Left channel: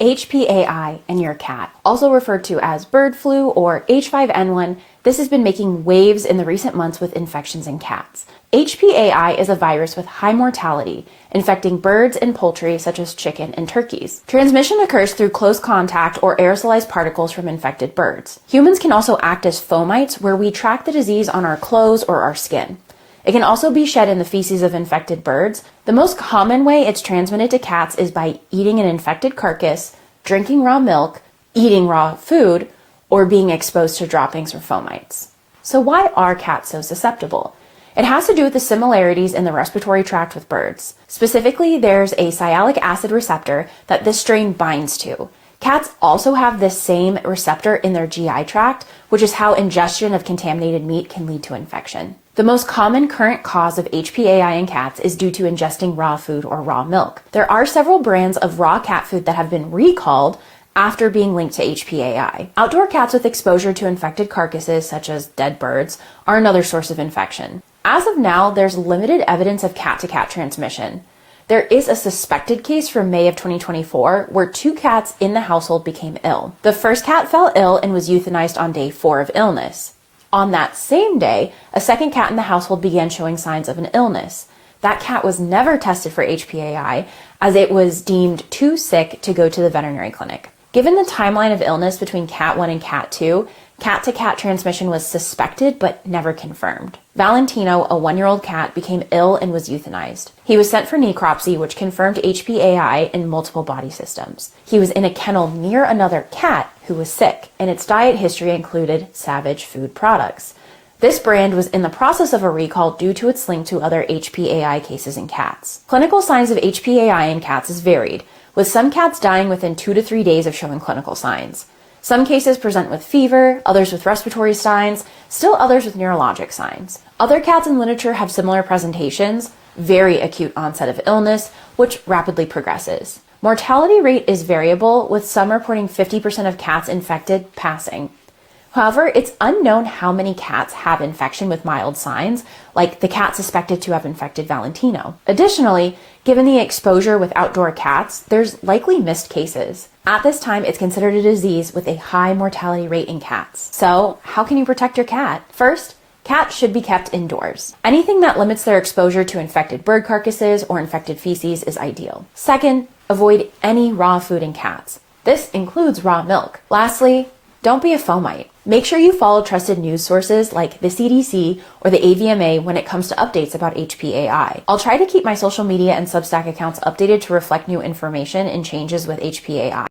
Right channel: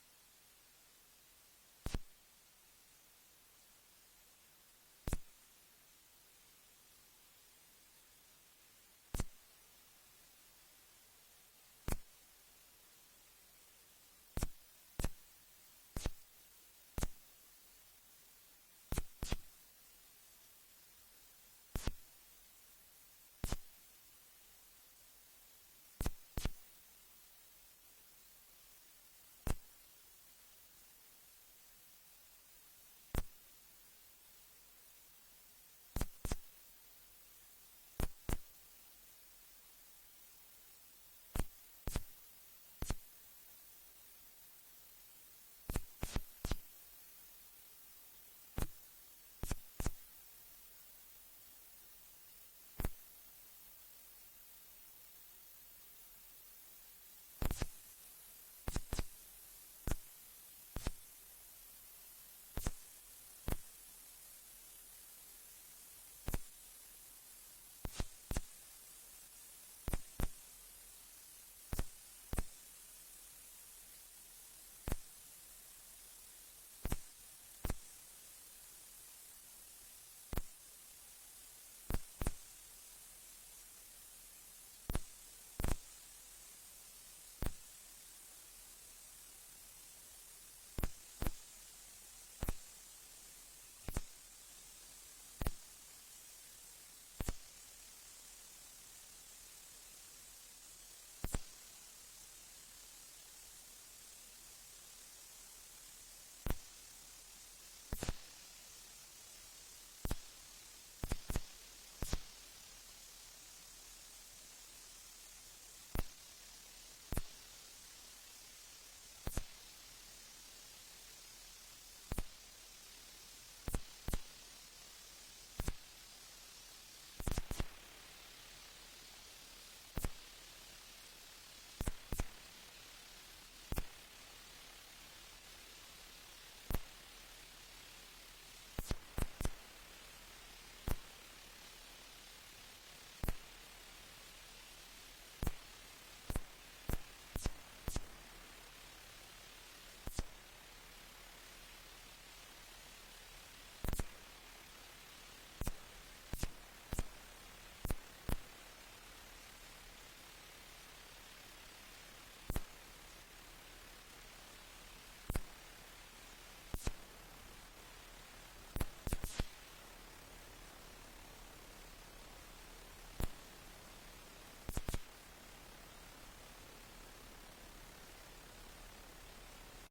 HPAI in your cat, also referred to as bird flu or H5N1, this has been making waves in the recent months with infections in cats. HPAI is a virus with high mortality, infecting birds and poultry such as chicken and turkeys. Transmission occurs through close contact or aerosolized particles from infected birds. Humans can also act as fomites, where we track the disease on our clothes or our skin. It can also be shed in the feces of infected birds. The most common way it's transmitted to cats is by eating an infected carcass, drinking raw milk, eating raw food, or being exposed to droppings or fomites. So why are cats so susceptible? It has to do with the similarities in the respiratory tract with birds. Specifically, there's a sialic acid receptor that this strain binds to. Cats also have this same receptor in their GI tract, which is how ingestion of contaminated meat can lead to infection. The most common current cause of HPAI in cats is due to ingesting raw food or raw milk. There are several brands of raw cat food that have been recalled after being linked to HPAI. Outdoor cats with exposure to infected carcasses, such as dead birds, are another source of infection. As of now, there's limited evidence of cat-to-cat transmission. There is a suspected case from May of 2024 where 2 cats in the household became ill. The first cat fell ill and was euthanized on day 4 of illness. On that same day, a second cat in the household began showing signs of an illness. That cat was never tested for HPAI as it was deemed too sick to go to the veterinary clinic. Given the timeline of illness between cat 1 and cat 2, cat-to-cat transmission was suspected but never confirmed. Valentino, a 1-year-old cat, became ill and was euthanized. He was sent for necropsy, which confirmed HPAI in multiple body systems. He was in a kennel near another cat who was sick, and its diet history included Savage food products. This brand was in the process of a recall due to its link to other HPAI cases in cats. Clinical signs of HPAI in cats is varied, with some cats dying within 2 to 3 days of showing clinical signs. Some cases present with fever, others with respiratory signs, still others with neurologic signs. Other cats in literature have similar presentations, very acute onset of illness, which rapidly progresses. Mortality rate is variable, with some reporting 50% of cats infected passing. However, it's unknown how many cats have infection with mild signs, like the cat suspected to have infected Valentino. Additionally, given the exposure with outdoor cats, there's likely missed cases. At this time, it's considered a disease with a high mortality rate in cats. So, how can you protect your cat? First, cats should be kept indoors. Anything that limits their exposure to infected bird carcasses or infected feces is ideal. Second, avoid any raw food in cats. This includes raw milk. Lastly, don't be a fomite. Make sure you follow trusted news sources like the CDC or the AVMA when it comes to updates about HPAI. I'll try to keep my social media and Substack accounts updated to reflect new information and changes with HPAI.